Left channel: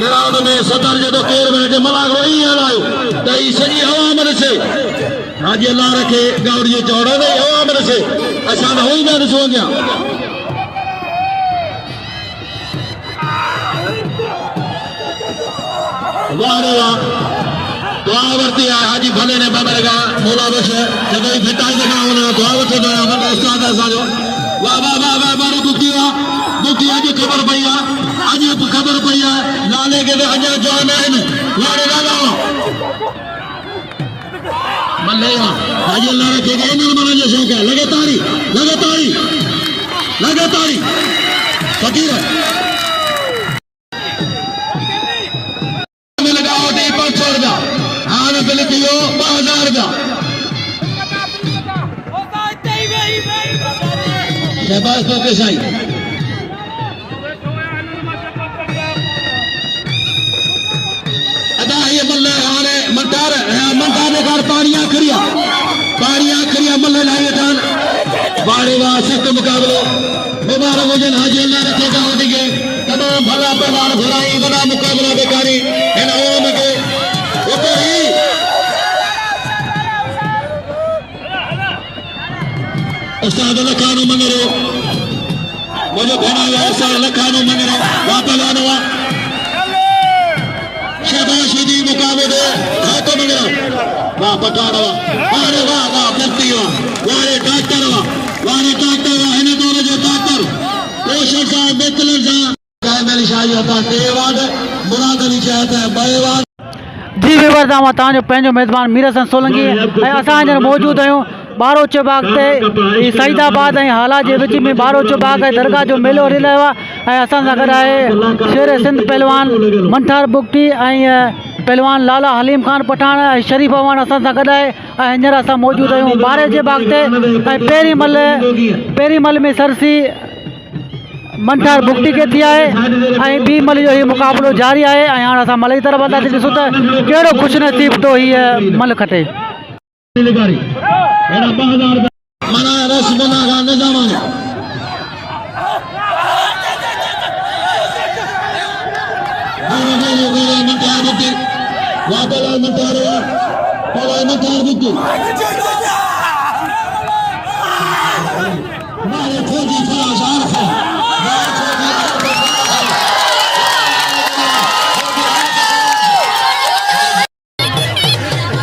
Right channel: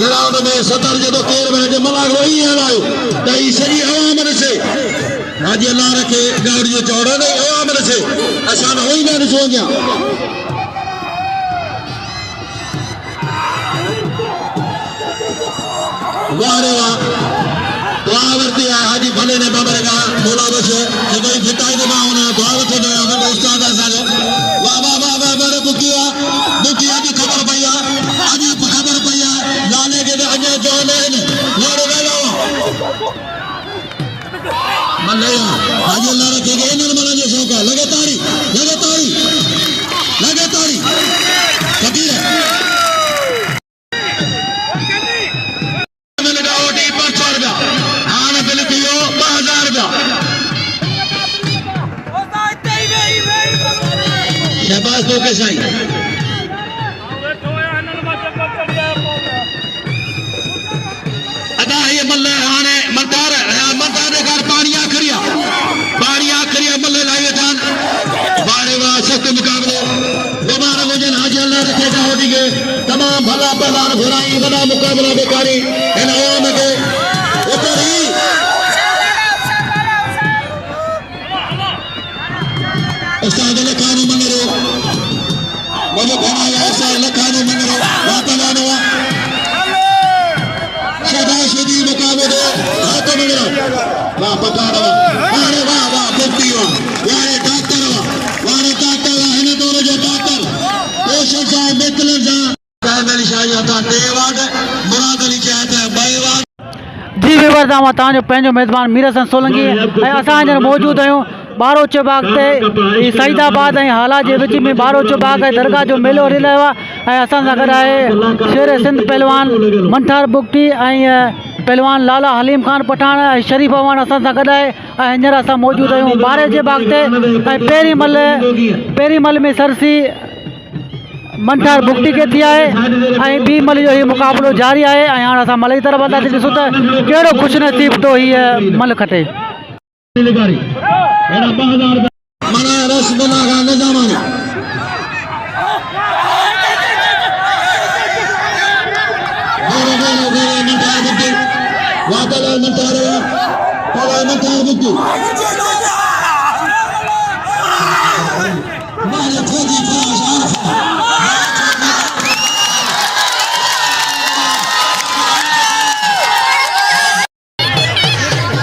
ground में सदर जो केर में मला वही हलायो तई सही हवा मन से हाजी अल्लाह रखे गौड़ जो चौड़ो ने हवा मन से असान होई ना सो गया वारे वाह दुआ वर्ती है हाजी भले ने बाबरगा मोला बस कोई फिटाई दगा होना दुआ वठो दो वडा उस्ताद साजो वाह वाह वाह वाह बारे बुकिया जी खबर पईया आज खबर पईया लाले के अजा जान है वारे गालो मल्ले हाजी अल्लाह के इन्हें मना जो शौक है लगातारी फकीर शहबाज तो के साई अदा ये मल्ले आने मंतार ने घर पानी आखरिया मल्ले लाए थान बाड़े वा सख्त मुकाबले मुबारक हो जन हाजी अल्लाह के ठेका दिगे तमाम भला भला घुराई बना मुकाबला बेकारी इनाम के ऊपर ही उस्ताद लखानो मंगरो मुझे बनाया उस्ताद लखानो मंगरो वापलानो शादी मुकाबले हाथ मंगरो वाह पटाड़ा वारे वाह मुक्तियो वारे डॉक्टर इन्हें तोरे जो डॉक्टर पेशेंट साहब बेतले साहब कायमली शाही होता देवाद मुराद अली चाहते हैं बेवाद जी विवर दामा तांजो पेंजो मेजबान मीर हसन सोलंकी असां जन मौजूद आहियूं बारो चौबाग ते सईदाबाद ऐं हाला जे विच में बारो चौबाग ऐं दरगाह जो मेलो हली रहियो आहे ऐं असां सां गॾु आहे शेर सिंध पहलवान मंठार बुगटी ऐं पहलवान लाला हलीम खान पठान ऐं शरीफ अवान असां सां गॾु आहे ऐं हींअर असां मौजूद आहियूं बारे जे बाग ते ऐं पहिरीं मल में सरसी मंठार बुगटी के थी आहे ऐं ॿी मल जो ही मुक़ाबिलो जारी आहे ऐं हाणे असां मल जी तरफ़ हलंदासीं ॾिसूं त कहिड़ो ख़ुशनसीब तो हीअ मल खटे मंठार